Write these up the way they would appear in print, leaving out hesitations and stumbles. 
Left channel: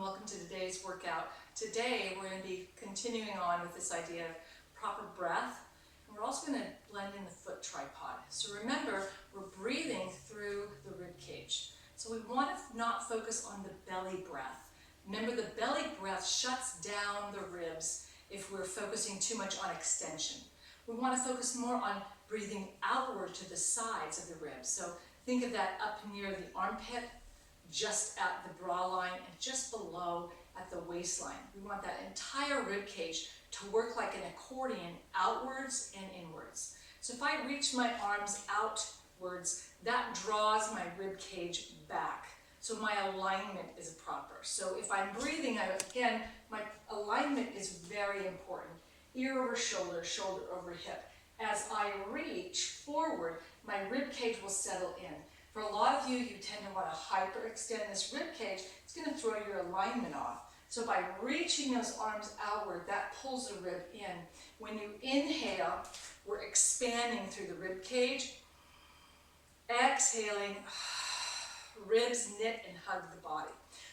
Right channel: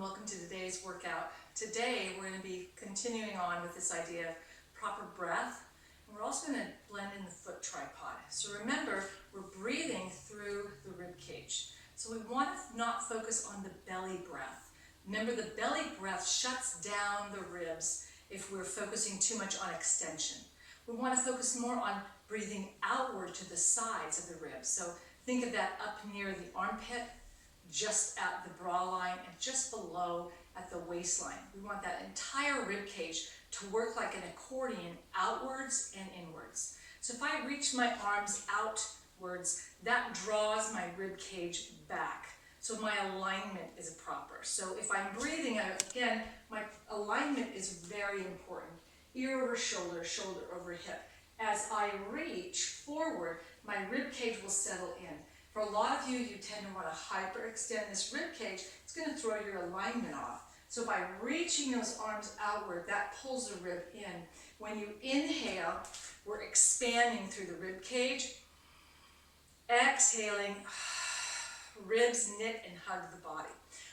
and welcome to today's workout. Today we're going to be continuing on with this idea of proper breath, and we're also going to blend in the foot tripod. So remember, we're breathing through the rib cage. So we want to not focus on the belly breath. Remember, the belly breath shuts down the ribs if we're focusing too much on extension. We want to focus more on breathing outward to the sides of the ribs. So think of that up near the armpit, just at the bra line, and just below at the waistline. We want that entire rib cage to work like an accordion, outwards and inwards. So if I reach my arms outwards, that draws my rib cage back. So my alignment is proper. So if I'm breathing, again, my alignment is very important. Ear over shoulder, shoulder over hip. As I reach forward, my rib cage will settle in. For a lot of you, you tend to want to hyperextend this rib cage. It's going to throw your alignment off. So by reaching those arms outward, that pulls the rib in. When you inhale, we're expanding through the rib cage. Exhaling, ribs knit and hug the body.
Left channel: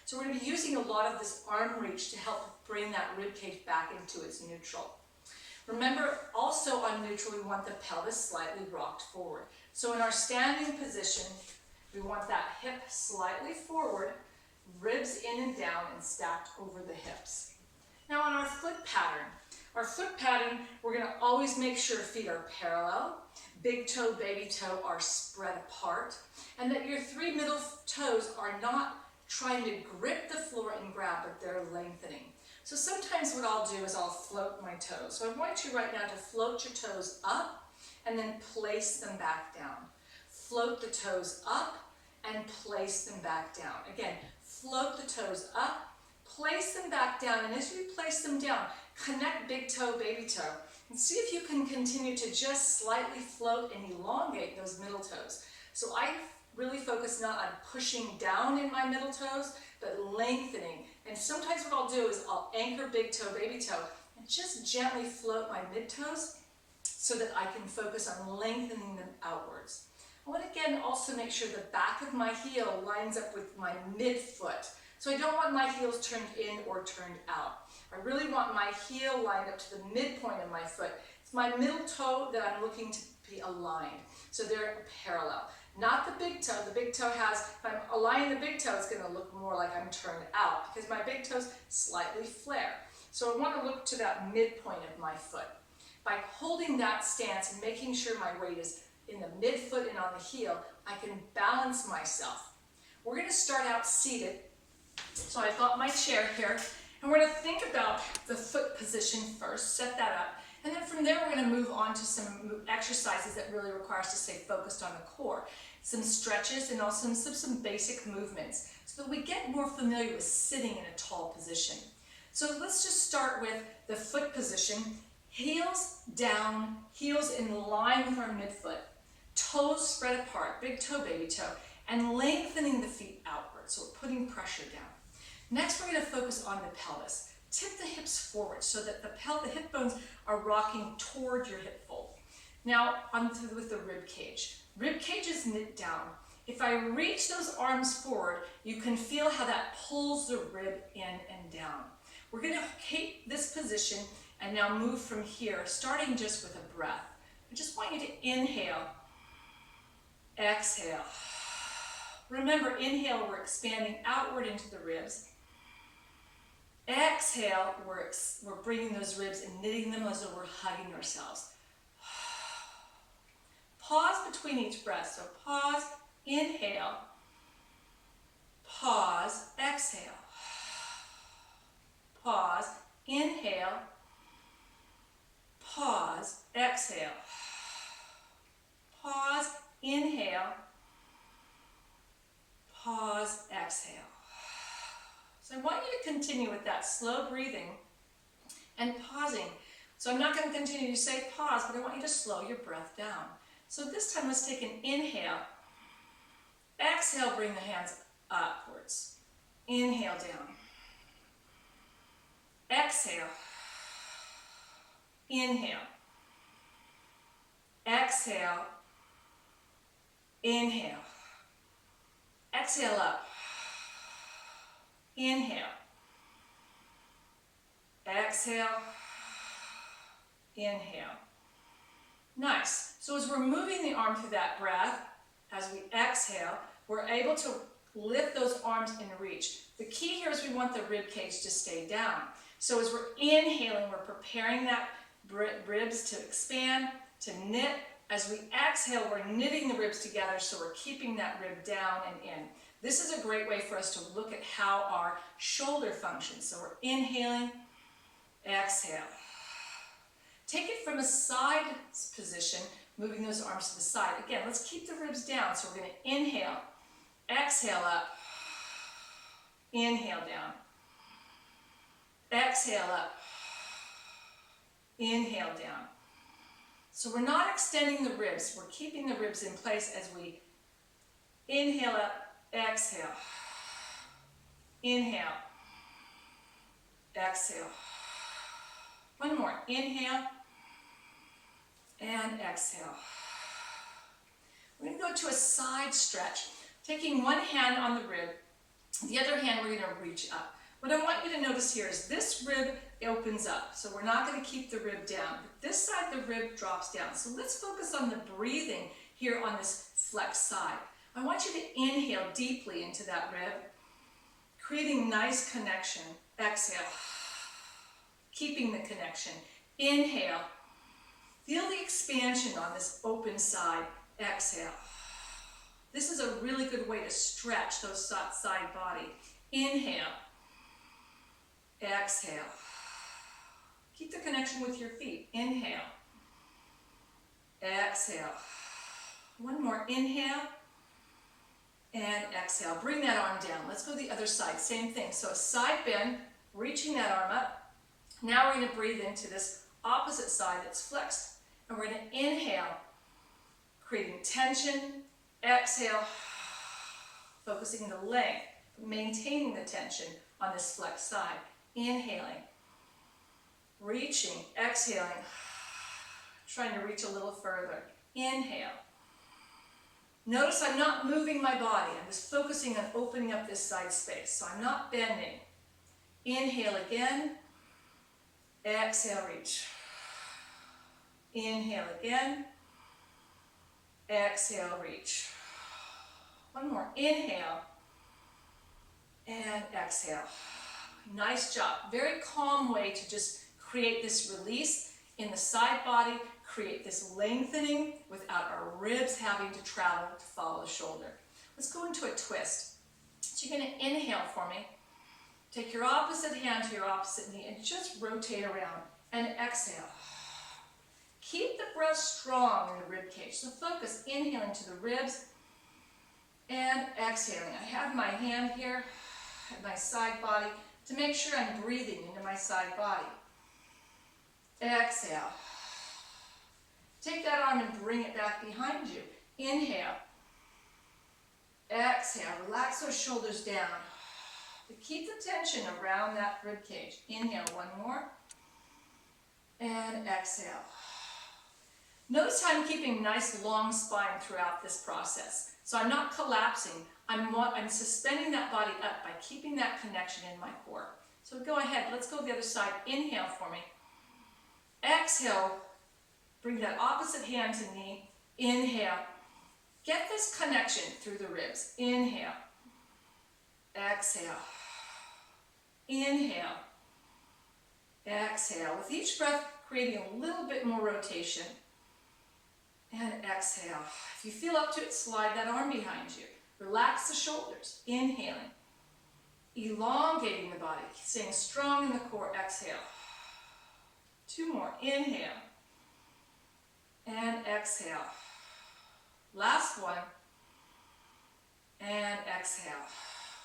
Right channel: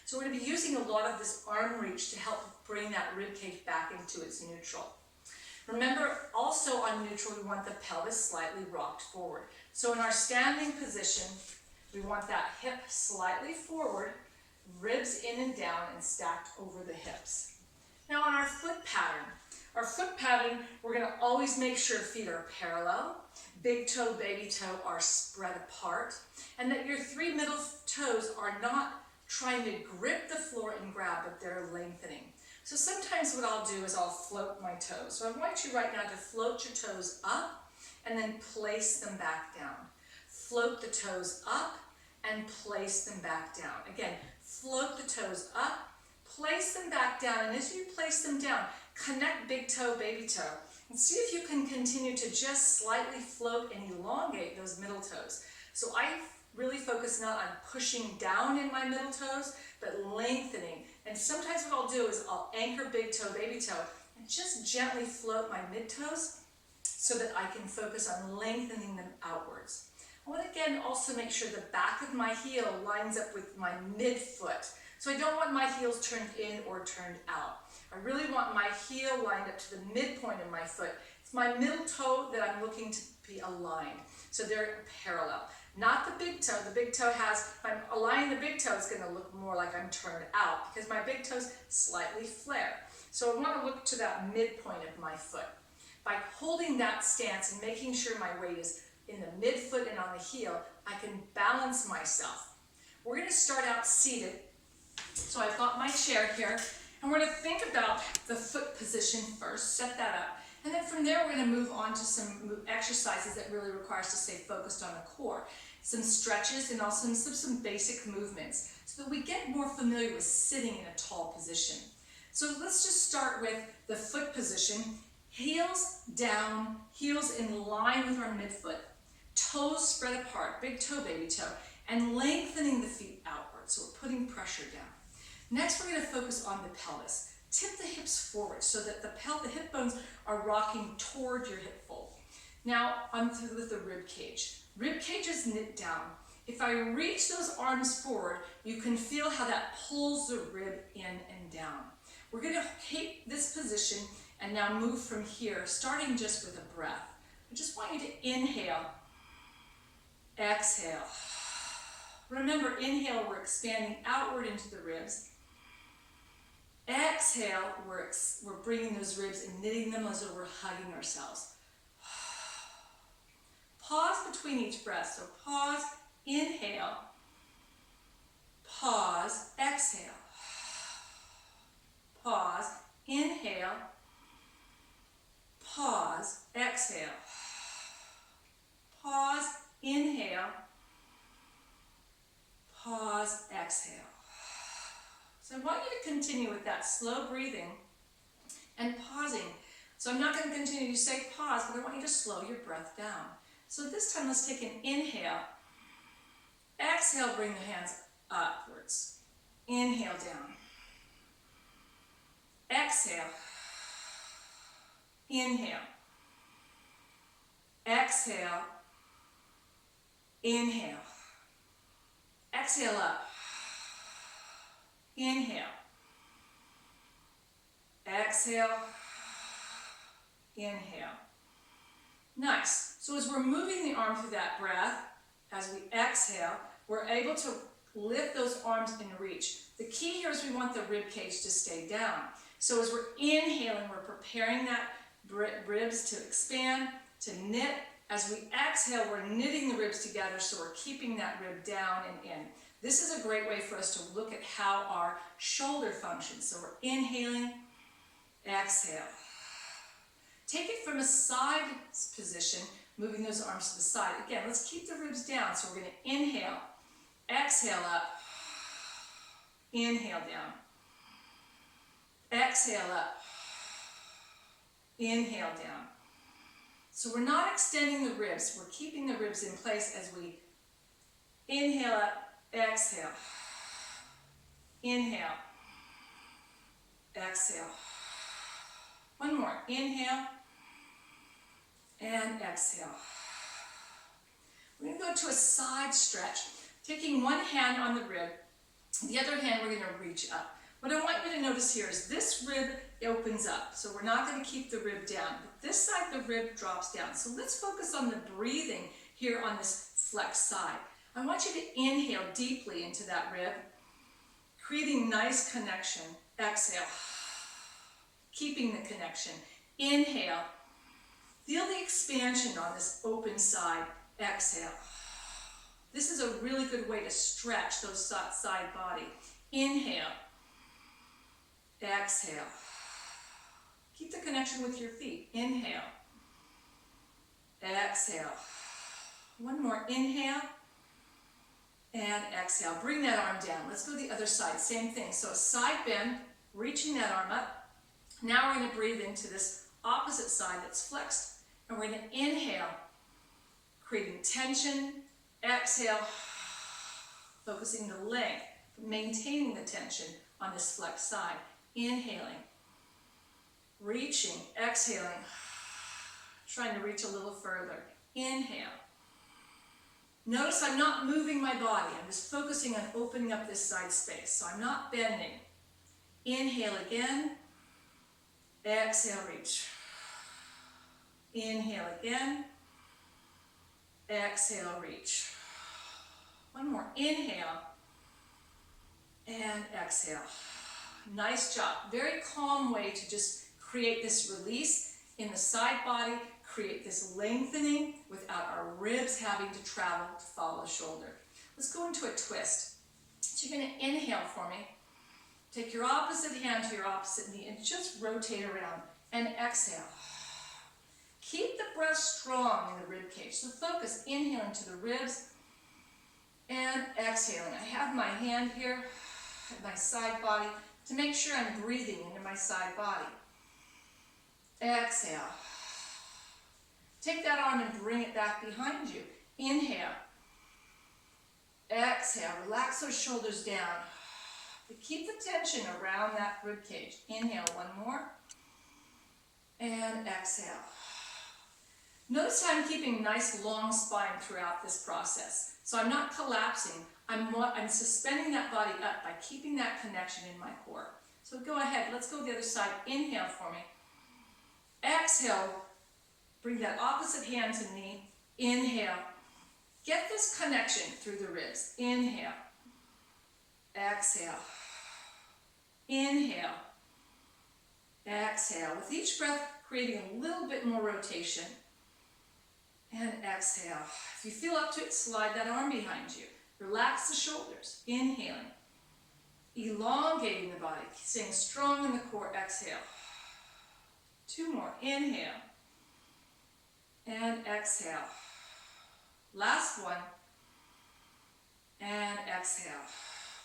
So we're going to be using a lot of this arm reach to help bring that rib cage back into its neutral. Remember, also on neutral, we want the pelvis slightly rocked forward. So in our standing position, we want that hip slightly forward, ribs in and down and stacked over the hips. Now on our foot pattern, we're going to always make sure feet are parallel, big toe, baby toe are spread apart, and that your three middle toes are not trying to grip the floor and grab, but they're lengthening. So sometimes what I'll do is I'll float my toes. So I want you right now to float your toes up and then place them back down. Float the toes up and place them back down. Again, float the toes up, place them back down, and as you place them down, connect big toe, baby toe, and see if you can continue to just slightly float and elongate those middle toes. So I really focus not on pushing down in my middle toes, but lengthening. And sometimes what I'll do is I'll anchor big toe, baby toe, and just gently float my mid toes so that I can focus on lengthening them outwards. I want to again also make sure the back of my heel lines up with my midfoot. So I don't want my heels turned in or turned out. I really want my heel lined up to the midpoint of my foot. It's my middle toe that I'm looking to be aligned. So they're parallel. Not the big toe. The big toe has, if I'm aligning the big toe, it's going to look more like I'm turned out because my big toes slightly flare. So I want to look to that midpoint of my foot. By holding that stance and making sure my weight is in the midfoot and on the heel, I can balance myself. We're going to start out seated. So I've got my chair here, and we're going to think about the foot position first, set that up, and then from there we're going to move on to some exercises that really require us to stay focused on the core. Some stretches and also some basic movements so that we get more familiar with sitting in a tall position. So let's just start with the foot position. Heels down, heels in line with our midfoot, toes spread apart, big toe, baby toe, and lengthening the feet outward. So we're putting pressure down. Next, we're going to focus on the pelvis. Tip the hips forward so that the hip bones are rocking toward your hip fold. Now, with the rib cage. Rib cage is knit down. If I reach those arms forward, you can feel how that pulls the rib in and down. We're going to keep this position and now move from here, starting just with a breath. I just want you to inhale, exhale. Remember, inhale, we're expanding outward into the ribs. Exhale, we're bringing those ribs and knitting them as though we're hugging ourselves. Pause between each breath. So pause, inhale, pause, exhale. Pause, inhale, pause, exhale. Pause, inhale, pause, exhale. So I want you to continue with that slow breathing and pausing. So I'm not going to continue to say pause, but I want you to slow your breath down. So this time let's take an inhale. Exhale, bring the hands upwards. Inhale down. Exhale. Inhale. Exhale. Inhale. Exhale up. Inhale. exhale, inhale. Nice. So as we're moving the arm through that breath, as we exhale, we're able to lift those arms in reach. The key here is we want the rib cage to stay down. So as we're inhaling, we're preparing that ribs to expand, to knit. As we exhale, we're knitting the ribs together, so we're keeping that rib down and in. This is a great way for us to look at how our shoulder functions. So we're inhaling, exhale. Take it from a side position, moving those arms to the side. Again, let's keep the ribs down. So we're going to inhale, exhale up, inhale down, exhale up, inhale down. So we're not extending the ribs. We're keeping the ribs in place as we inhale up, exhale, inhale, exhale. One more, inhale, and exhale. We're going to go to a side stretch, taking one hand on the rib, the other hand we're going to reach up. What I want you to notice here is this rib opens up, so we're not going to keep the rib down. But this side, the rib drops down. So let's focus on the breathing here on this flex side. I want you to inhale deeply into that rib, creating nice connection. Exhale, keeping the connection. Inhale, feel the expansion on this open side. Exhale. This is a really good way to stretch those side body. Inhale, exhale. Keep the connection with your feet. Inhale, exhale. One more, inhale, and exhale. Bring that arm down. Let's go the other side, same thing. So a side bend, reaching that arm up. Now we're going to breathe into this opposite side that's flexed. And we're going to inhale, creating tension. Exhale, focusing the length, maintaining the tension on this flexed side. Inhaling, reaching, exhaling, trying to reach a little further. Inhale. Notice I'm not moving my body. I'm just focusing on opening up this side space. So I'm not bending. Inhale again. Exhale, reach. Inhale again. Exhale, reach. One more. Inhale. And exhale. Nice job. Very calm way to just create this release in the side body, create this lengthening without our ribs having to travel to follow the shoulder. Let's go into a twist. So you're going to inhale for me. Take your opposite hand to your opposite knee and just rotate around and exhale. Keep the breath strong in the rib cage. So focus, inhaling to the ribs and exhaling. I have my hand here at my side body to make sure I'm breathing into my side body. Exhale. Take that arm and bring it back behind you. Inhale. Exhale. Relax those shoulders down. But keep the tension around that rib cage. Inhale, one more. And exhale. Notice how I'm keeping nice long spine throughout this process. So I'm not collapsing. I'm suspending that body up by keeping that connection in my core. So go ahead, let's go the other side. Inhale for me. Exhale, bring that opposite hand to knee. Inhale. Get this connection through the ribs. Inhale. Exhale. Inhale. Exhale. With each breath, creating a little bit more rotation. And exhale. If you feel up to it, slide that arm behind you. Relax the shoulders. Inhaling. Elongating the body. Staying strong in the core. Exhale. Two more. Inhale. And exhale. Last one. And exhale.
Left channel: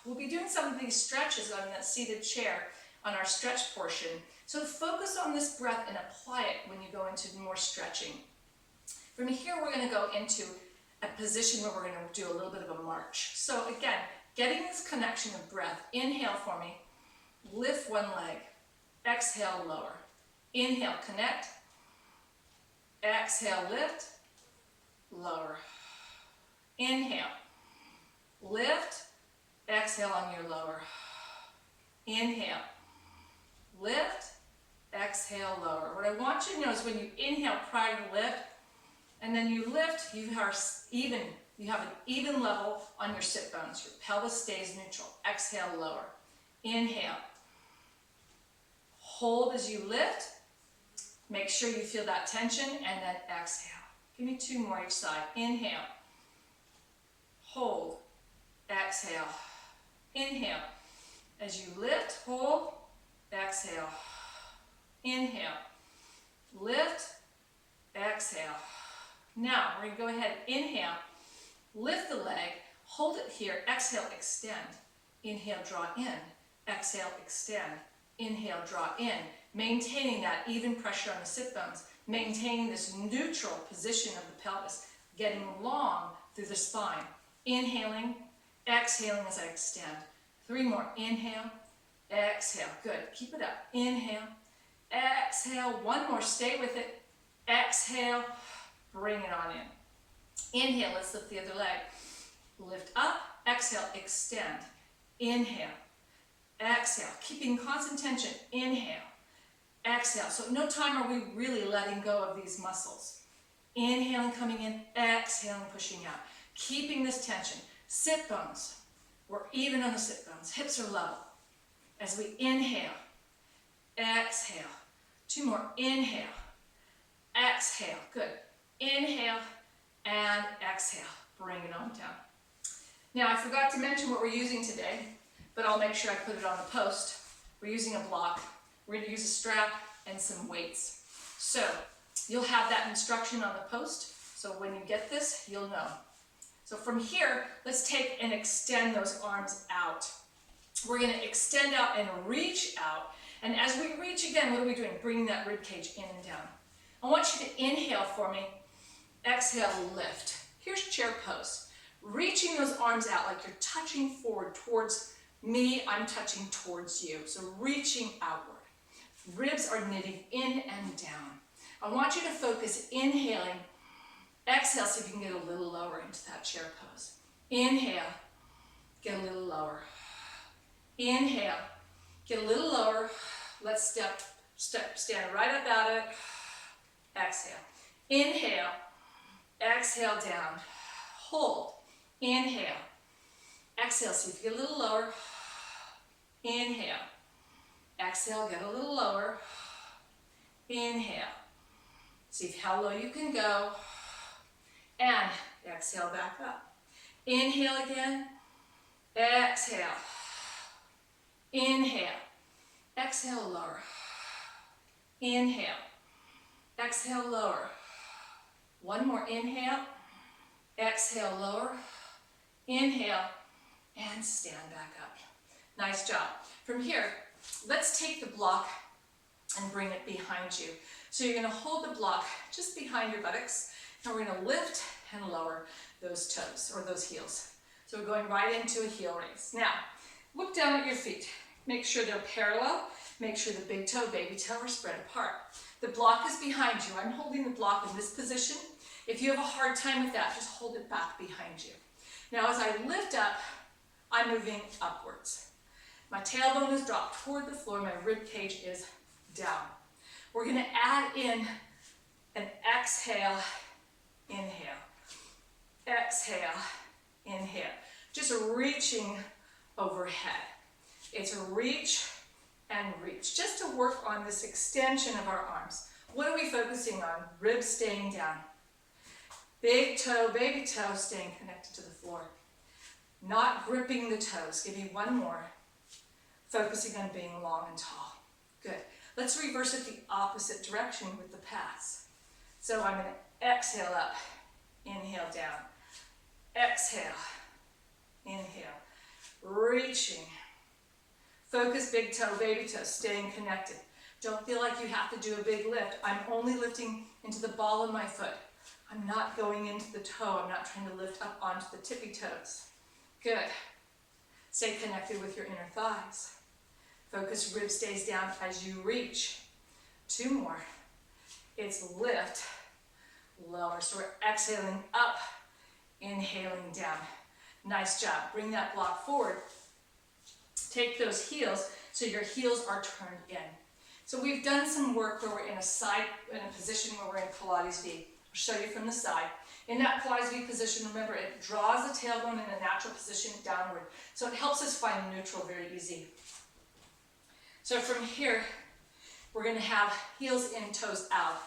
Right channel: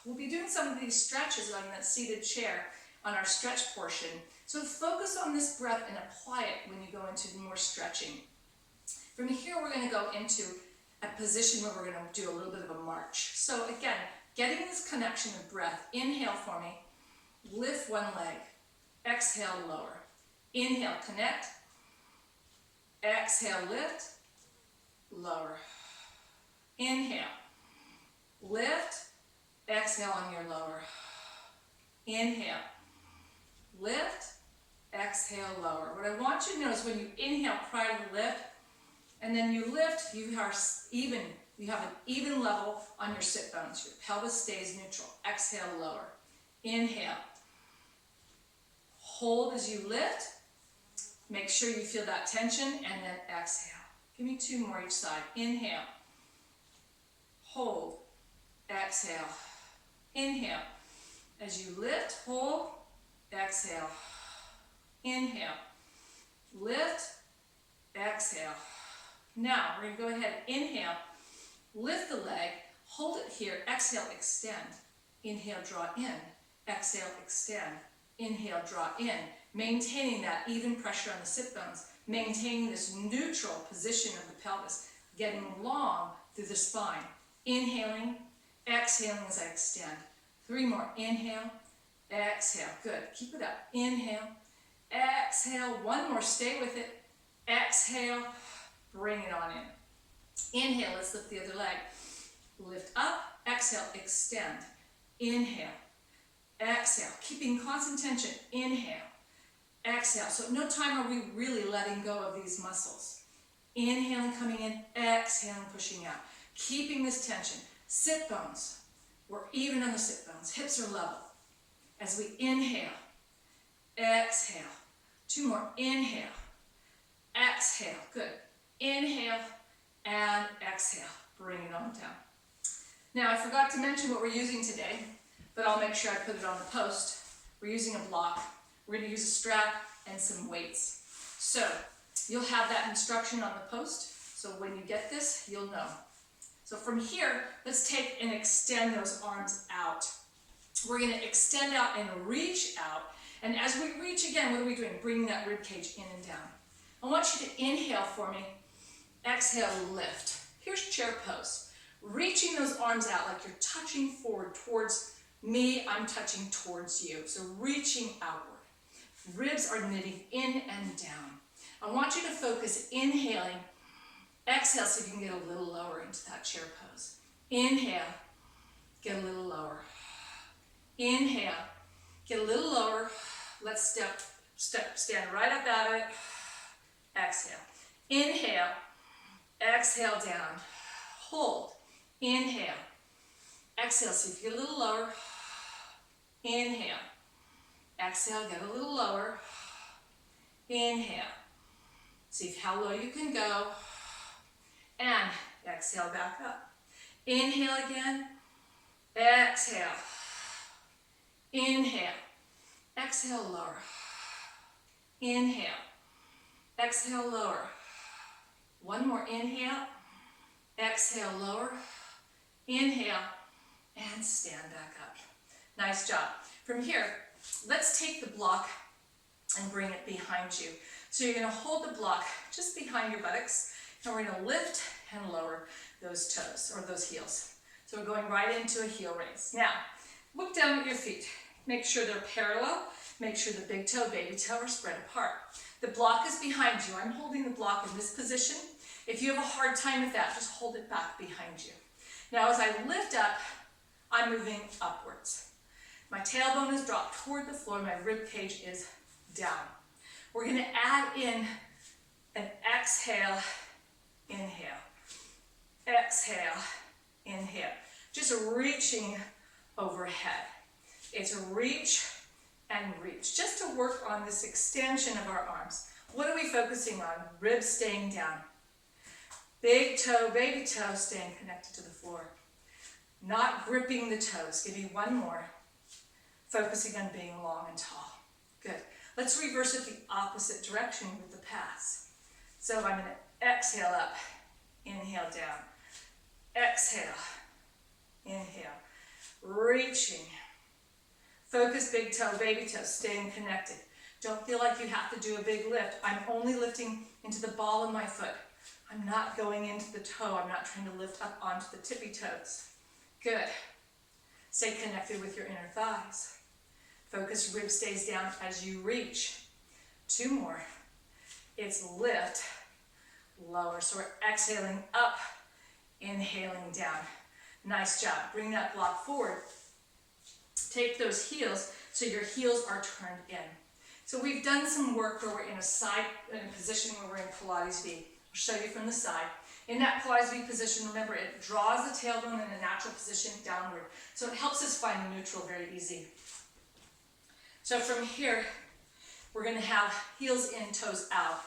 We'll be doing some of these stretches on that seated chair on our stretch portion. So focus on this breath and apply it when you go into more stretching. From here, we're going to go into a position where we're going to do a little bit of a march. So again, getting this connection of breath. Inhale for me. Lift one leg. Exhale, lower. Inhale, connect. Exhale, lift. Lower. Inhale. Lift. Exhale on your lower. Inhale. Lift. exhale, lower. What I want you to know is when you inhale prior to lift, and then you lift, you have an even level on your sit bones. Your pelvis stays neutral. Exhale, lower. Inhale. Hold as you lift. Make sure you feel that tension, and then exhale. Give me 2 more each side. Inhale. Hold. Exhale. Inhale. As you lift, hold. Exhale. Inhale. Lift. Exhale. Now, we're going to go ahead and inhale. Lift the leg. Hold it here. Exhale, extend. Inhale, draw in. Exhale, extend. Inhale, draw in. Maintaining that even pressure on the sit bones. Maintaining this neutral position of the pelvis. Getting long through the spine. Inhaling, exhaling as I extend. 3 more. Inhale, exhale. Good. Keep it up. Inhale, exhale. 1 more. Stay with it. Exhale. Bring it on in. Inhale. Let's lift the other leg. Lift up. Exhale. Extend. Inhale. Exhale. Keeping constant tension. Inhale. Exhale. So no time are we really letting go of these muscles. Inhaling, coming in. Exhaling, pushing out. Keeping this tension. Sit bones. We're even on the sit bones. Hips are level. As we inhale. Exhale. 2 more. Inhale. Exhale. Good. Inhale and exhale. Bring it on down. Now I forgot to mention what we're using today, but I'll make sure I put it on the post. We're using a block. We're going to use a strap and some weights. So you'll have that instruction on the post. So when you get this, you'll know. So from here, let's take and extend those arms out. We're going to extend out and reach out. And as we reach again, what are we doing? Bringing that rib cage in and down. I want you to inhale for me. Exhale, lift. Here's chair pose. Reaching those arms out like you're touching forward towards me. I'm touching towards you. So reaching outward. Ribs are knitting in and down. I want you to focus inhaling. Exhale so you can get a little lower into that chair pose. Inhale, get a little lower. Inhale, get a little lower. Let's stand right up out of it. Exhale. Inhale, exhale down. Hold. Inhale. Exhale, see if you get a little lower. Inhale. Exhale, get a little lower. Inhale. See how low you can go. And exhale back up. Inhale again. Exhale. Inhale. Exhale, lower. Inhale. Exhale, lower. 1 more. Inhale. Exhale, lower. Inhale. And stand back up. Nice job. From here, let's take the block and bring it behind you. So you're going to hold the block just behind your buttocks, and we're going to lift and lower those toes, or those heels. So we're going right into a heel raise. Now, look down at your feet. Make sure they're parallel. Make sure the big toe, baby toe are spread apart. The block is behind you. I'm holding the block in this position. If you have a hard time with that, just hold it back behind you. Now, as I lift up, I'm moving upwards. My tailbone is dropped toward the floor. My rib cage is down. We're going to add in an exhale, inhale. Exhale, inhale. Just reaching overhead. It's reach and reach. Just to work on this extension of our arms. What are we focusing on? Ribs staying down. Big toe, baby toe staying connected to the floor. Not gripping the toes. Give me 1 more. Focusing on being long and tall. Good. Let's reverse it the opposite direction with the pass. So I'm going to exhale up, inhale down. Exhale, inhale. Reaching. Focus big toe, baby toe, staying connected. Don't feel like you have to do a big lift. I'm only lifting into the ball of my foot. I'm not going into the toe. I'm not trying to lift up onto the tippy toes. Good. Stay connected with your inner thighs. Focus, rib stays down as you reach. 2 more. It's lift, lower. So we're exhaling up, inhaling down. Nice job. Bring that block forward. Take those heels so your heels are turned in. So we've done some work where we're in a position where we're in Pilates V. I'll show you from the side. In that Pilates V position, remember, it draws the tailbone in a natural position downward. So it helps us find neutral very easy. So from here, we're going to have heels in, toes out.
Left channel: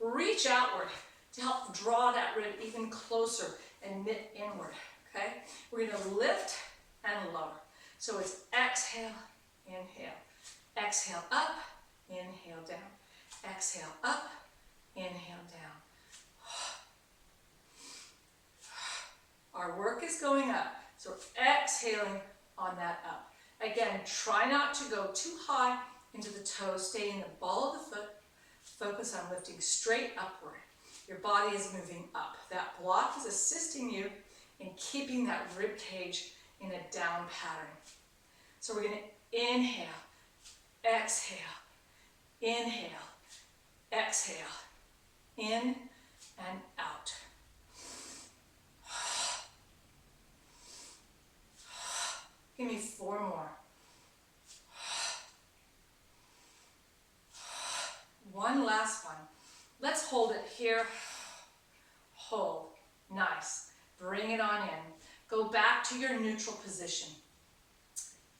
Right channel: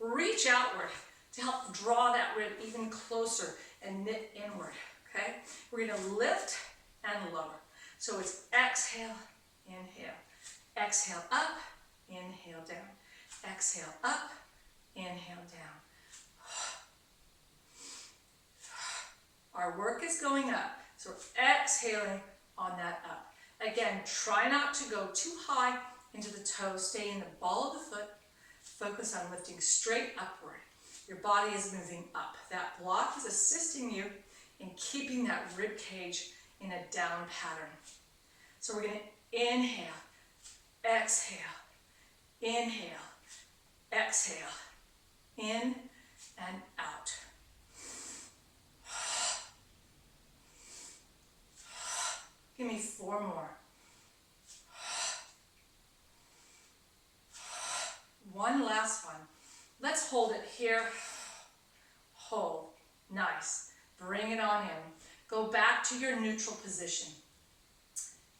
Reach outward to help draw that rib even closer and knit inward, okay? We're going to lift and lower. So it's exhale, inhale. Exhale up, inhale down. Exhale up, inhale down. Our work is going up, so we're exhaling on that up. Again, try not to go too high into the toes. Stay in the ball of the foot. Focus on lifting straight upward. Your body is moving up. That block is assisting you in keeping that rib cage in a down pattern. So we're going to inhale, exhale, inhale, exhale, in and out. Give me 4 more. One last one. Let's hold it here. Hold. Nice. Bring it on in. Go back to your neutral position.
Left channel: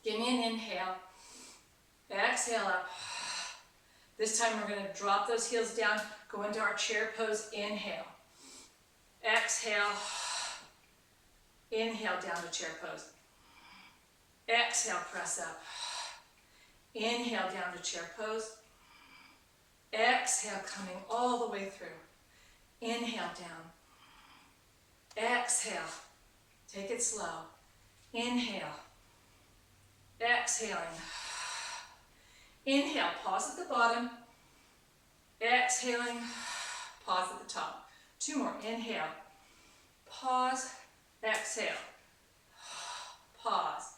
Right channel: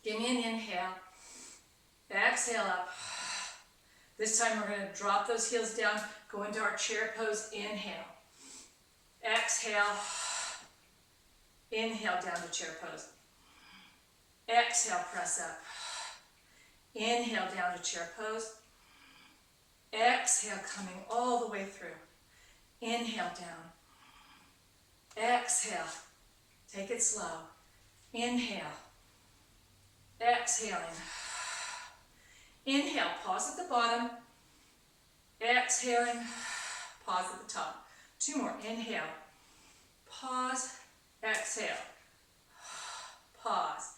Give me an inhale. Exhale up. This time we're going to drop those heels down. Go into our chair pose. Inhale. Exhale. Inhale down to chair pose. Exhale, press up. Inhale down to chair pose. Exhale, coming all the way through. Inhale down. Exhale. Take it slow. Inhale. Exhaling. Inhale, pause at the bottom. Exhaling, pause at the top. 2 more. Inhale. Pause. Exhale. Pause.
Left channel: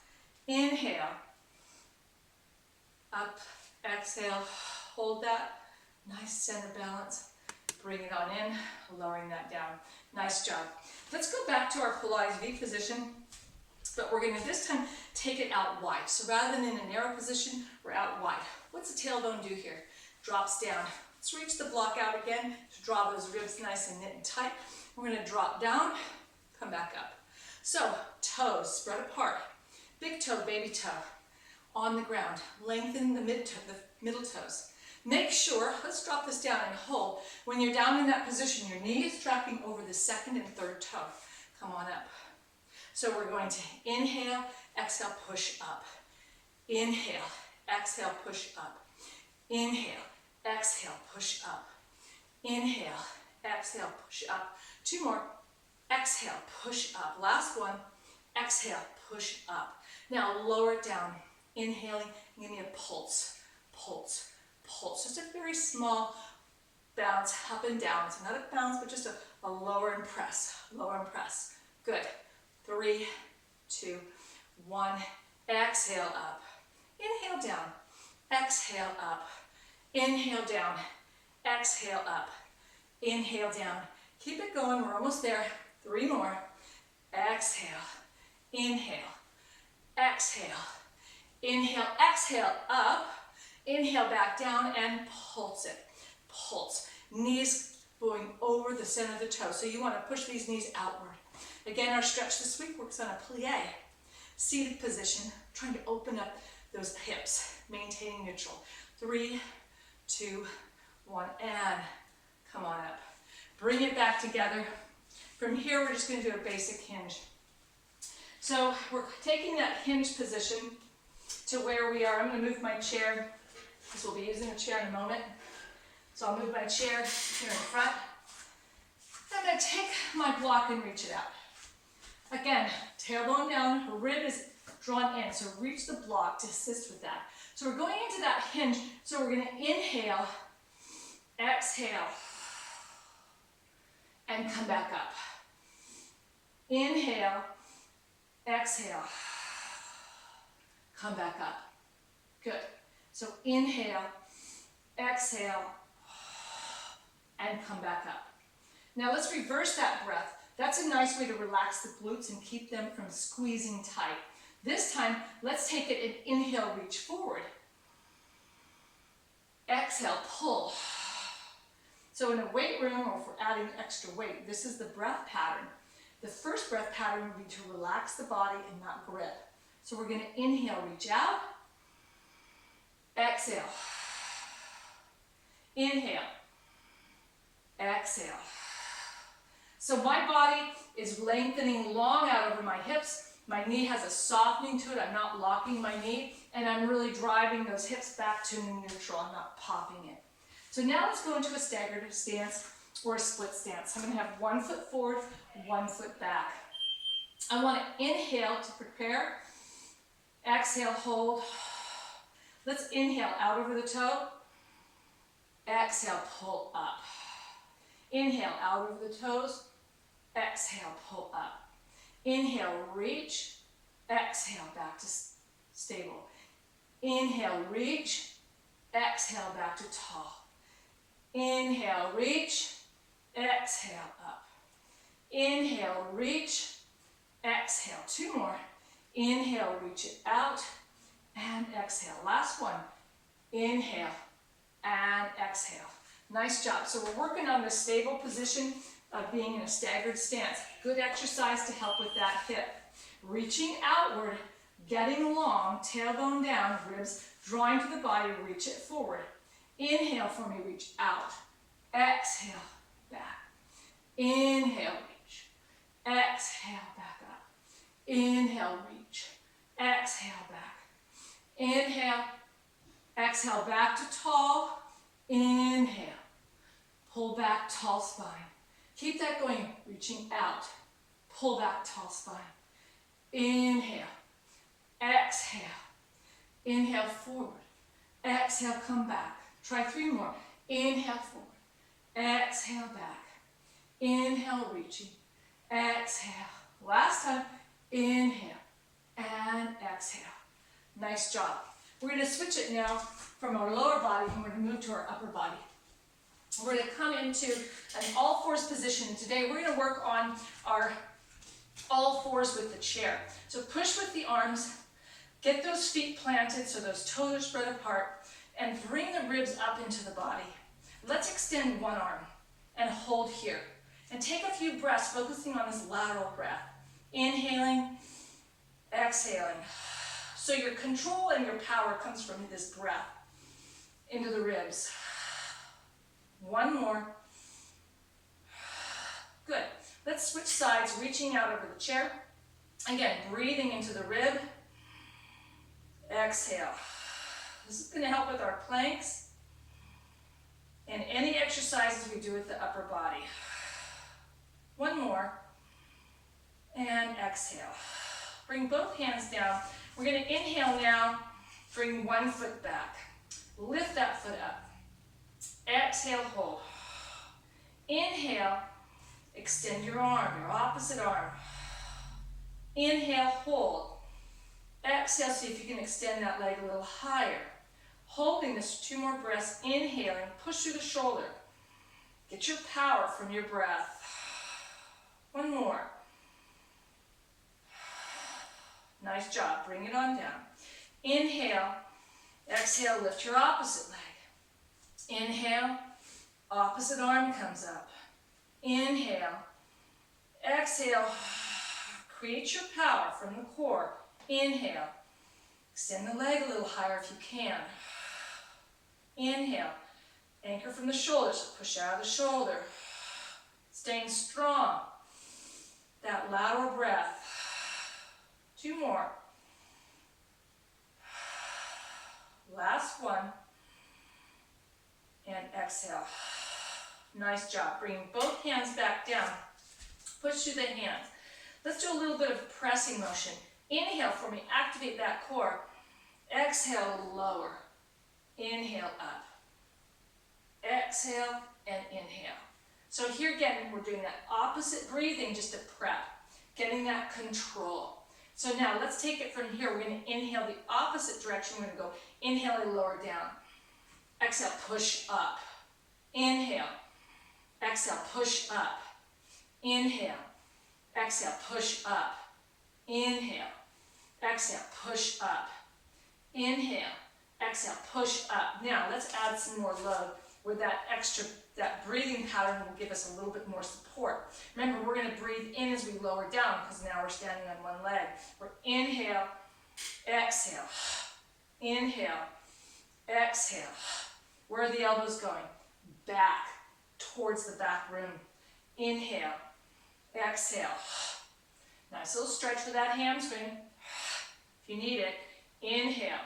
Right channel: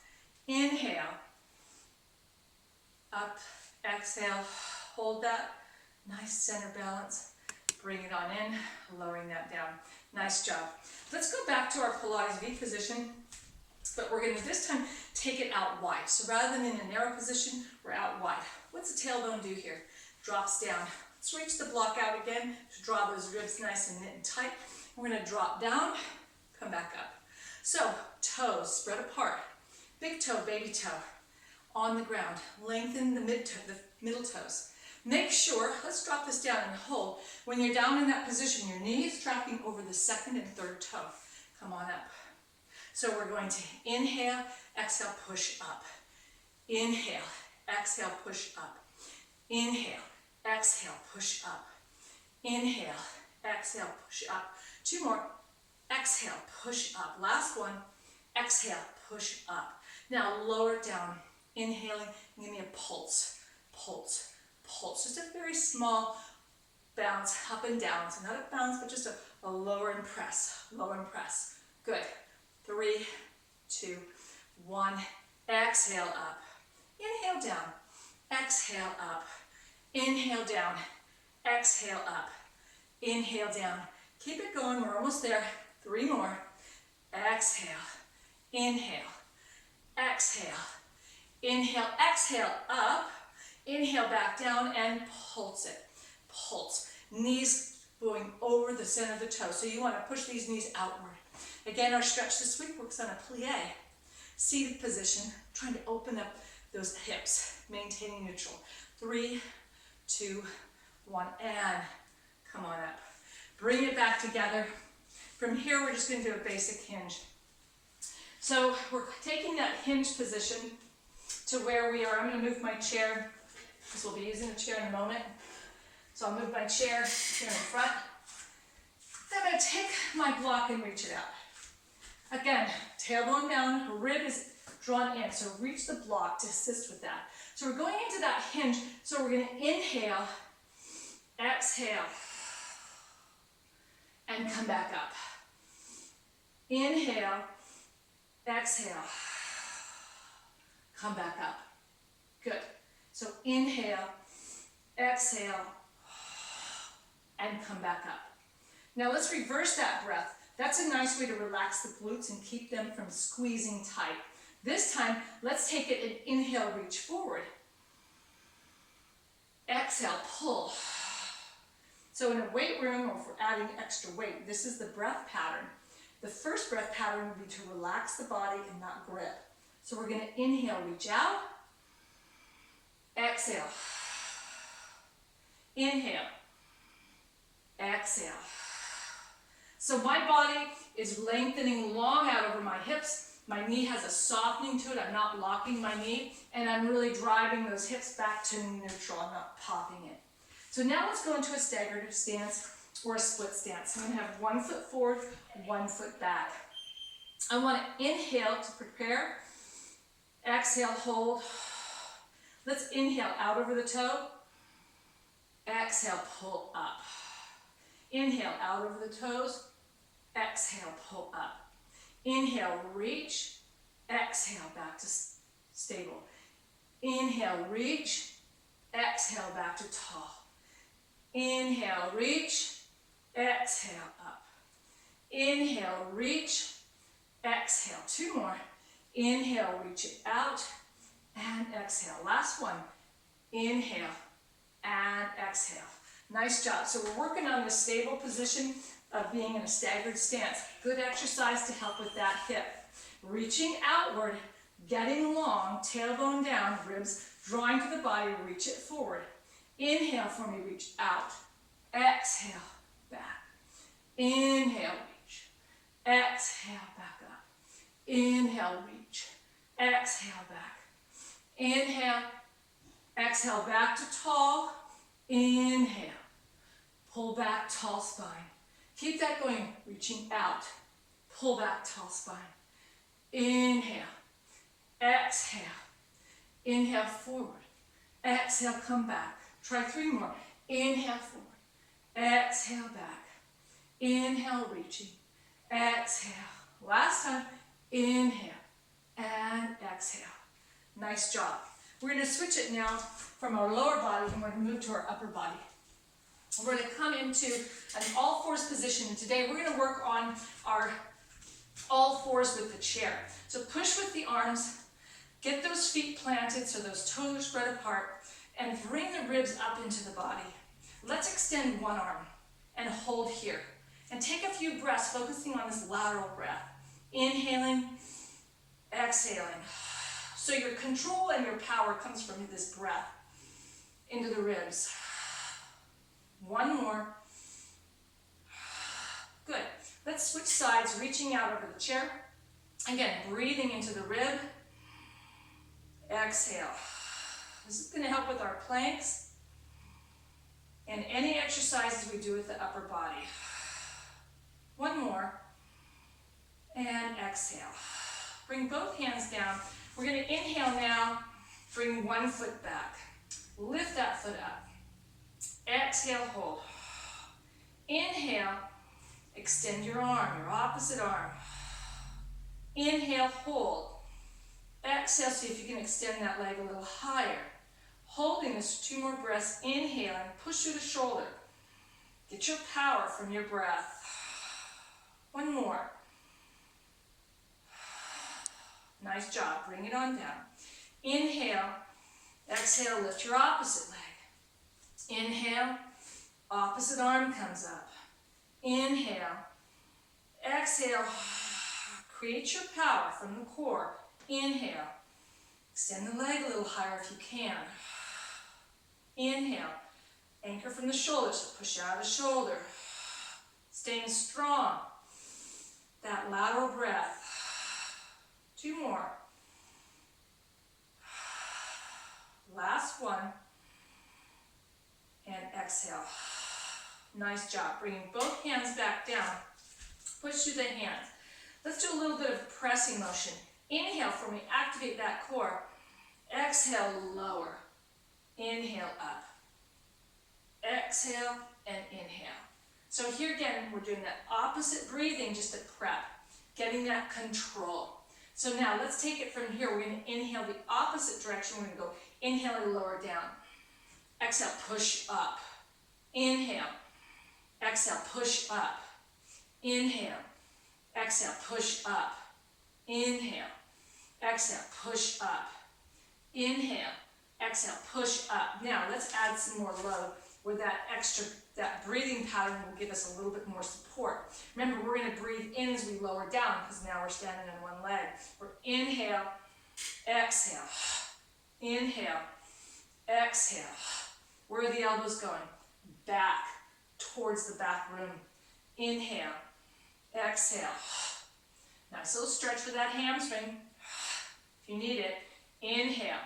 Inhale. Up. Exhale. Hold that. Nice center balance. Bring it on in, lowering that down. Nice job. Let's go back to our Pilates V position, but we're going to this time take it out wide. So rather than in a narrow position, we're out wide. What's the tailbone do here? Drops down. Let's reach the block out again to draw those ribs nice and knit and tight. We're going to drop down, come back up. So toes spread apart. Big toe, baby toe on the ground. Lengthen the middle toes. Make sure, let's drop this down and hold. When you're down in that position, your knee is tracking over the 2nd and 3rd toe. Come on up. So we're going to inhale, exhale, push up. Inhale, exhale, push up. Inhale, exhale, push up. Inhale, exhale, push up. 2 more. Exhale, push up. Last one. Exhale, push up. Now lower it down. Inhaling, give me a pulse. Pulse. Pulse. Just a very small bounce up and down. So not a bounce, but just a lower and press. Lower and press. Good. 3, 2, 1. Exhale up. Inhale down. Exhale up. Inhale down. Exhale up. Inhale down. Keep it going. We're almost there. 3 more. Exhale. Inhale. Exhale. Inhale. Exhale up. Inhale back down and pulse it. Pulse. Knees going over the center of the toe. So you want to push these knees outward. Again, our stretch this week works on a plie. Seated position, trying to open up those hips, maintaining neutral. 3, 2, 1, and come on up. Bring it back together. From here, we're just going to do a basic hinge. So we're taking that hinge position to where we are. I'm going to move my chair, because we'll be using a chair in a moment. So I'll move my chair here in the front. I'm going to take my block and reach it out. Again, tailbone down, rib is drawn in, so reach the block to assist with that. So we're going into that hinge, so we're going to inhale, exhale, and come back up. Inhale, exhale, come back up. Good. So inhale, exhale, and come back up. Now let's reverse that breath. That's a nice way to relax the glutes and keep them from squeezing tight. This time, let's take it and inhale, reach forward. Exhale, pull. So in a weight room, or if we're adding extra weight, this is the breath pattern. The first breath pattern would be to relax the body and not grip. So we're going to inhale, reach out. Exhale. Inhale. Exhale. So my body is lengthening long out over my hips. My knee has a softening to it. I'm not locking my knee, and I'm really driving those hips back to neutral. I'm not popping it. So now let's go into a staggered stance or a split stance. I'm going to have 1 foot forward, 1 foot back. I want to inhale to prepare. Exhale, hold. Let's inhale out over the toe. Exhale, pull up. Inhale out over the toes. Exhale, pull up. Inhale, reach. Exhale, back to stable. Inhale, reach. Exhale, back to tall. Inhale, reach. Exhale, up. Inhale, reach. Exhale, 2 more. Inhale, reach it out. And exhale. Last one. Inhale and exhale. Nice job. So we're working on the stable position of being in a staggered stance. Good exercise to help with that hip. Reaching outward, getting long, tailbone down, ribs drawing to the body, reach it forward. Inhale for me, reach out. Exhale, back. Inhale, reach. Exhale, back up. Inhale, reach. Exhale, back. Inhale. Exhale, back to tall. Inhale. Pull back, tall spine. Keep that going, reaching out. Pull back, tall spine. Inhale. Exhale. Inhale, forward. Exhale, come back. Try 3 more. Inhale, forward. Exhale, back. Inhale, reaching. Exhale. Last time. Inhale and exhale. Nice job. We're going to switch it now from our lower body, and we're going to move to our upper body. We're going to come into an all fours position, and today we're going to work on our all fours with the chair. So push with the arms, get those feet planted so those toes are spread apart, and bring the ribs up into the body. Let's extend one arm and hold here. And take a few breaths, focusing on this lateral breath. Inhaling, exhaling. So your control and your power comes from this breath into the ribs. 1 more. Good. Let's switch sides, reaching out over the chair. Again, breathing into the rib. Exhale. This is going to help with our planks and any exercises we do with the upper body. 1 more. And exhale. Bring both hands down. We're going to inhale now. Bring 1 foot back. Lift that foot up. Exhale, hold. Inhale, extend your arm, your opposite arm. Inhale, hold. Exhale, see if you can extend that leg a little higher. Holding this 2 more breaths, inhaling, push through the shoulder. Get your power from your breath. 1 more. Nice job, bring it on down. Inhale, exhale, lift your opposite leg. Inhale, opposite arm comes up. Inhale, exhale, create your power from the core. Inhale, extend the leg a little higher if you can. Inhale, anchor from the shoulders, so push out of the shoulder. Staying strong, that lateral breath. 2 more. Last one. And exhale. Nice job. Bringing both hands back down. Push through the hands. Let's do a little bit of pressing motion. Inhale for me. Activate that core. Exhale, lower. Inhale, up. Exhale and inhale. So here again, we're doing that opposite breathing just to prep. Getting that control. So now let's take it from here. We're going to inhale the opposite direction. We're going to go inhale and lower down. Exhale, push up. Inhale. Exhale, push up. Inhale. Exhale, push up. Inhale. Exhale, push up. Inhale. exhale, push up. Now let's add some more load where that breathing pattern will give us a little bit more support. Remember, we're going to breathe in as we lower down because now we're standing on one leg. We're inhale, exhale, inhale, exhale. Where are the elbows going? Back, towards the back room. Inhale, exhale. Nice little stretch for that hamstring. If you need it, inhale,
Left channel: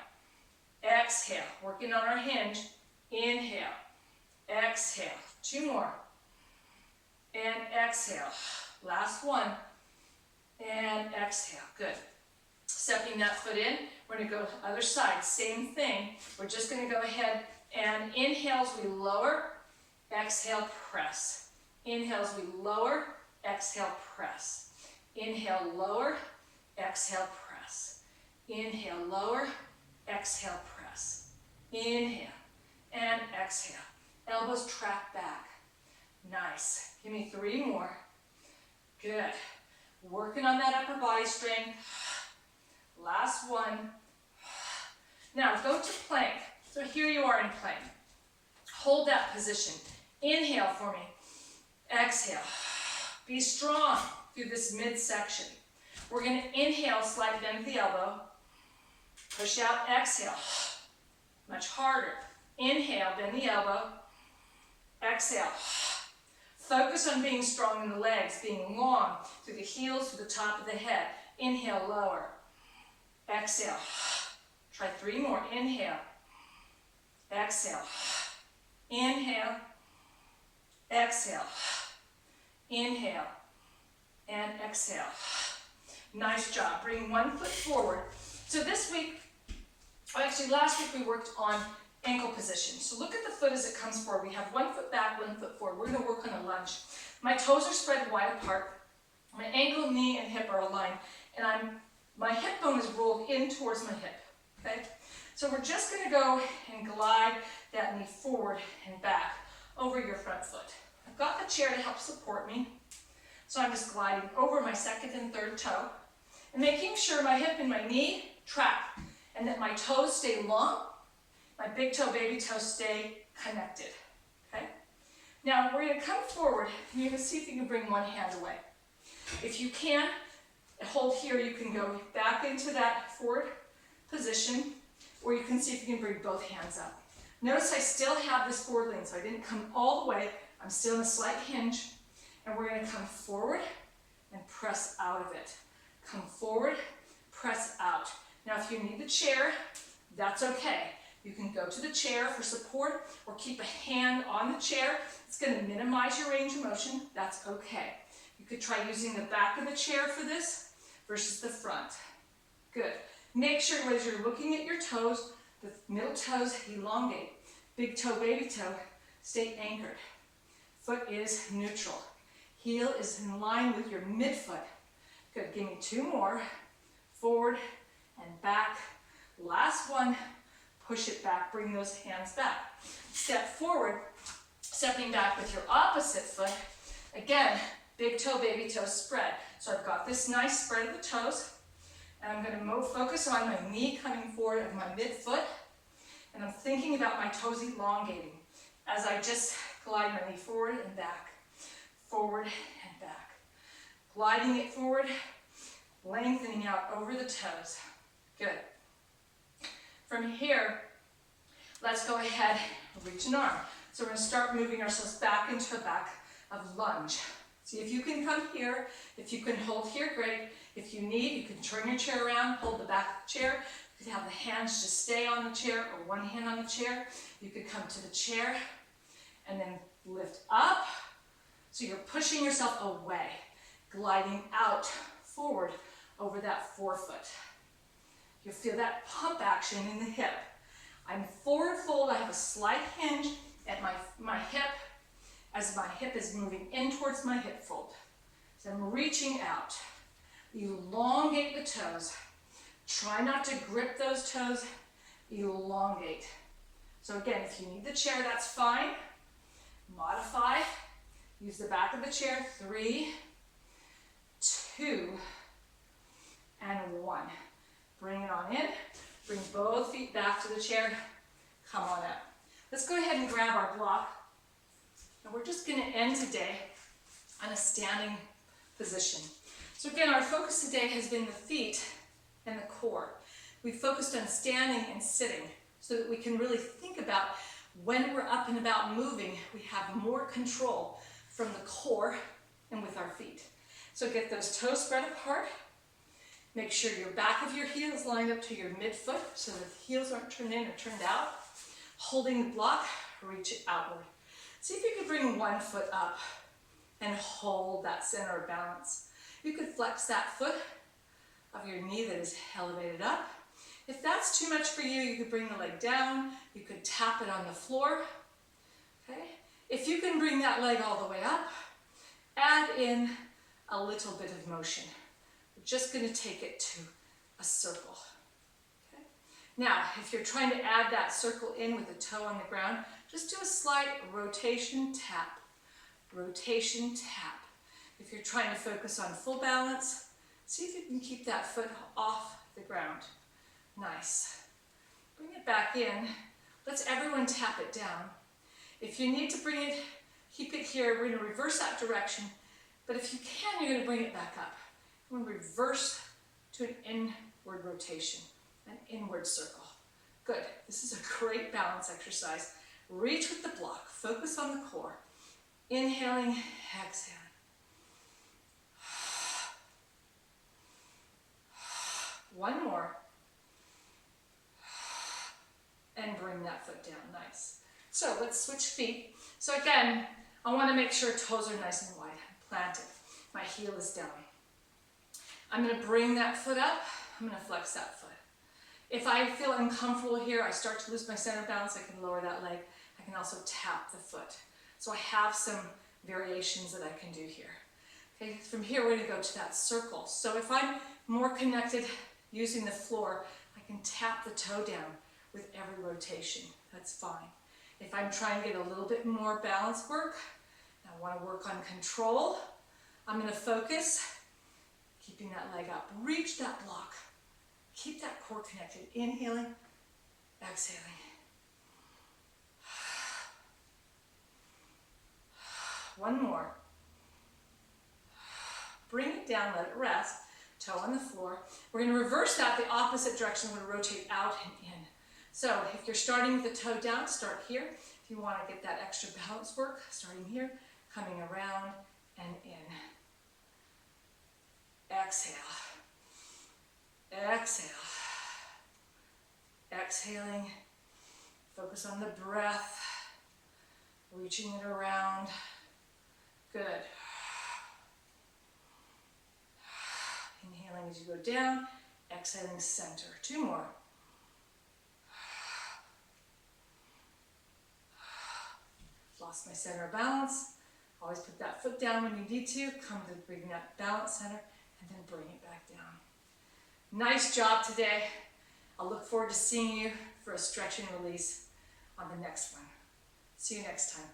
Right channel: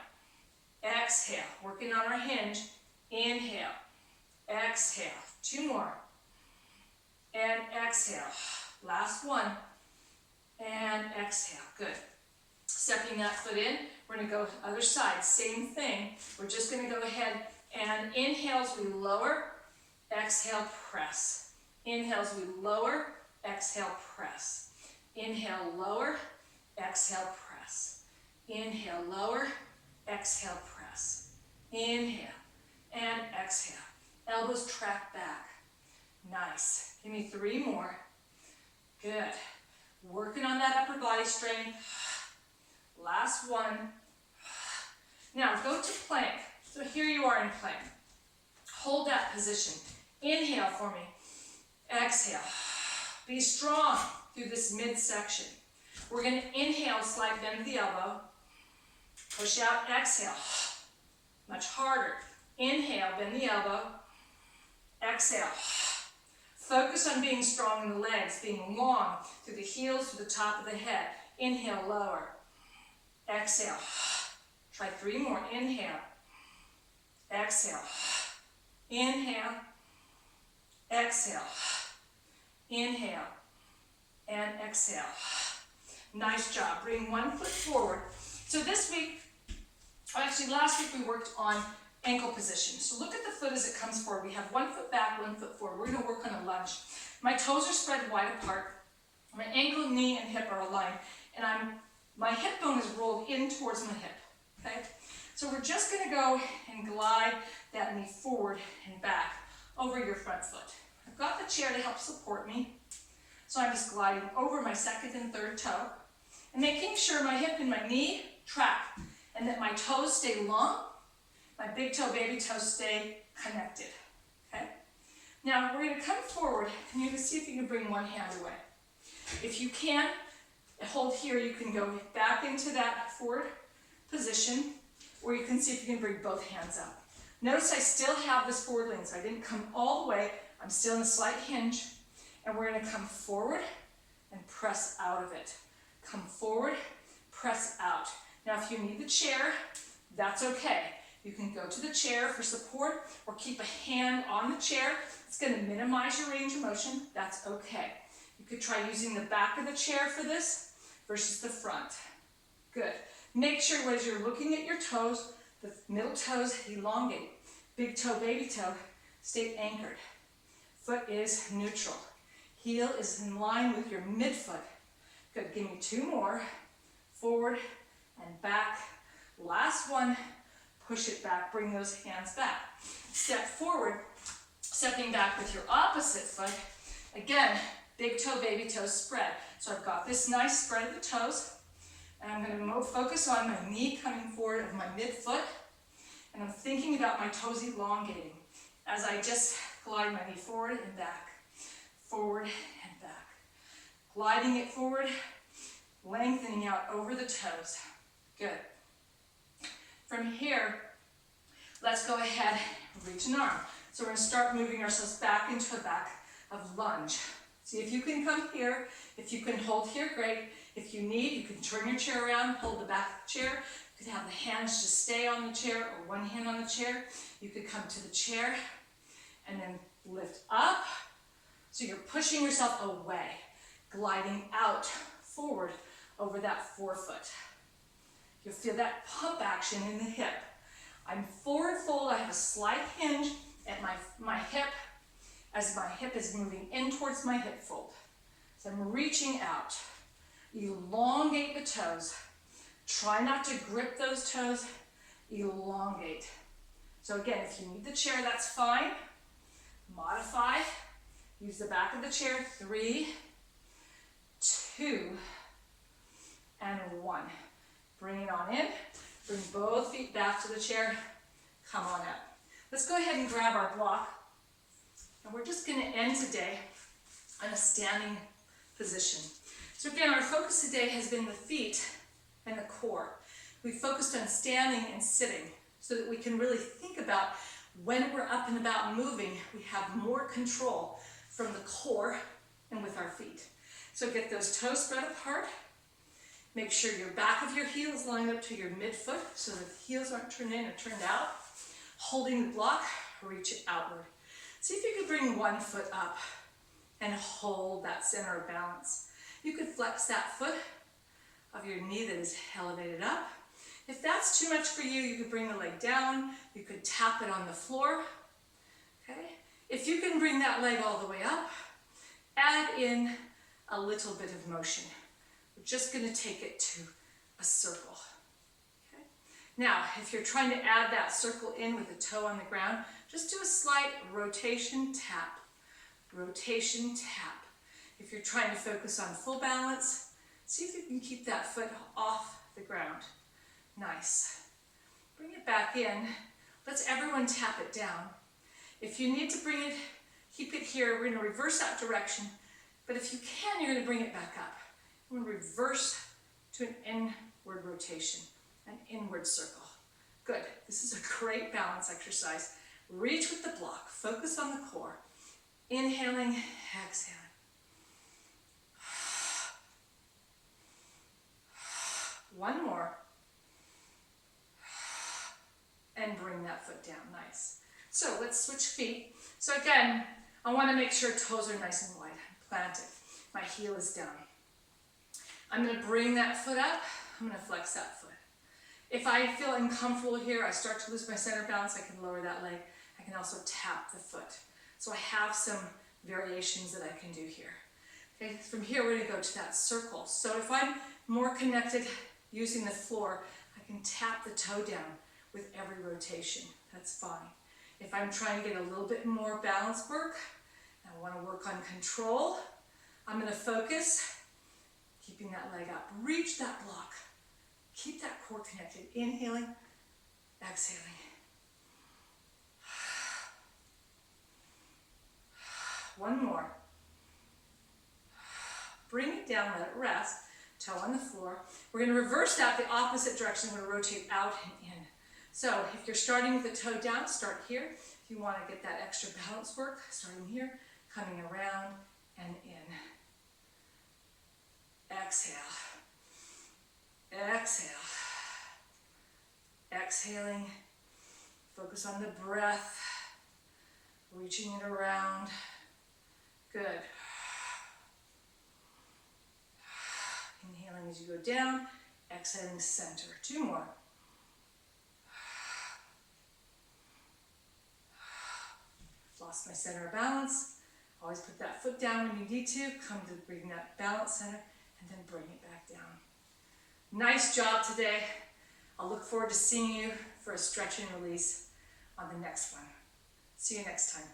exhale. Working on our hinge. Inhale, exhale. 2 more. And exhale. Last one. And exhale. Good. Stepping that foot in. We're going to go other side. Same thing. We're just going to go ahead and inhale as we lower. Exhale, press. Inhale as we lower. Exhale, press. Inhale, lower. Exhale, press. Inhale, lower. Exhale, press. Inhale and exhale. Elbows track back. Nice. Give me 3 more. Good. Working on that upper body strength. Last one. Now go to plank. So here you are in plank. Hold that position. Inhale for me. Exhale. Be strong through this midsection. We're going to inhale, slight bend of the elbow. Push out, exhale. Much harder. Inhale, bend the elbow. Exhale. Focus on being strong in the legs, being long through the heels to the top of the head. Inhale, lower. Exhale. Try 3 more. Inhale. Exhale. Inhale. Exhale. Inhale. And exhale. Nice job. Bring 1 foot forward. So this week, actually last week we worked on ankle position. So look at the foot as it comes forward. We have 1 foot back, 1 foot forward. We're going to work on a lunge. My toes are spread wide apart. My ankle, knee, and hip are aligned. And my hip bone is rolled in towards my hip. Okay? So we're just going to go and glide that knee forward and back over your front foot. I've got the chair to help support me. So I'm just gliding over my second and third toe and making sure my hip and my knee track and that my toes stay long, my big toe, baby toe stay connected. Okay? Now we're going to come forward and you're going to see if you can bring one hand away. If you can't hold here, you can go back into that forward position, or you can see if you can bring both hands up. Notice I still have this forward lean, so I didn't come all the way. I'm still in a slight hinge, and we're going to come forward and press out of it. Come forward, press out. Now if you need the chair, that's okay. You can go to the chair for support or keep a hand on the chair. It's going to minimize your range of motion. That's okay. You could try using the back of the chair for this versus the front. Good. Make sure as you're looking at your toes, the middle toes elongate. Big toe, baby toe, stay anchored. Foot is neutral. Heel is in line with your midfoot. Good. Give me 2 more. Forward and back. Last one. Push it back. Bring those hands back. Step forward. Stepping back with your opposite foot. Again, big toe, baby toe spread. So I've got this nice spread of the toes. And I'm going to focus on my knee coming forward of my midfoot. And I'm thinking about my toes elongating as I just glide my knee forward and back. Forward and back. Gliding it forward, lengthening out over the toes. Good. From here, let's go ahead and reach an arm. So we're going to start moving ourselves back into a back of lunge. See if you can come here. If you can hold here, great. If you need, you can turn your chair around, hold the back of the chair. You could have the hands just stay on the chair or one hand on the chair. You could come to the chair and then lift up. So you're pushing yourself away, gliding out forward over that forefoot. You'll feel that pump action in the hip. I'm forward fold. I have a slight hinge at my hip as my hip is moving in towards my hip fold. So I'm reaching out. Elongate the toes. Try not to grip those toes. Elongate. So again, if you need the chair, that's fine. Modify. Use the back of the chair. 3, 2, and 1. Bring it on in. Bring both feet back to the chair. come on up. Let's go ahead and grab our block. And we're just going to end today on a standing position. So again, our focus today has been the feet and the core. We focused on standing and sitting so that we can really think about when we're up and about moving, we have more control from the core and with our feet. So get those toes spread apart. Make sure your back of your heel is lined up to your midfoot so that the heels aren't turned in or turned out. Holding the block, reach it outward. See if you could bring one foot up and hold that center of balance. You could flex that foot of your knee that is elevated up. If that's too much for you, you could bring the leg down. You could tap it on the floor. Okay? If you can bring that leg all the way up, add in a little bit of motion. We're just going to take it to a circle. Okay? Now, if you're trying to add that circle in with a toe on the ground, just do a slight rotation, tap. Rotation, tap. If you're trying to focus on full balance, see if you can keep that foot off the ground. Nice. Bring it back in. Let's everyone tap it down. If you need to bring it, keep it here. We're going to reverse that direction. But if you can, you're going to bring it back up. We're going to reverse to an inward rotation, an inward circle. Good. This is a great balance exercise. Reach with the block. Focus on the core. Inhaling, exhaling. One more. And bring that foot down. Nice. So let's switch feet. So again, I want to make sure toes are nice and wide, planted. My heel is down. I'm going to bring that foot up. I'm going to flex that foot. If I feel uncomfortable here, I start to lose my center balance, I can lower that leg. I can also tap the foot. So I have some variations that I can do here. Okay, from here we're going to go to that circle. So if I'm more connected using the floor, I can tap the toe down with every rotation. That's fine. If I'm trying to get a little bit more balance work, and I want to work on control, I'm going to focus, keeping that leg up. Reach that block. Keep that core connected. Inhaling, exhaling. One more. Bring it down, let it rest. Toe on the floor. We're going to reverse that the opposite direction. We're going to rotate out and in. So if you're starting with the toe down, start here. If you want to get that extra balance work, starting here, coming around and in. Exhale. Exhale. Exhaling. Focus on the breath. Reaching it around. Good. Inhaling as you go down. Exhaling center. Two more. Lost my center of balance. Always put that foot down when you need to. Come to bring that balance center and then bring it back down. Nice job today. I'll look forward to seeing you for a stretch and release on the next one. See you next time.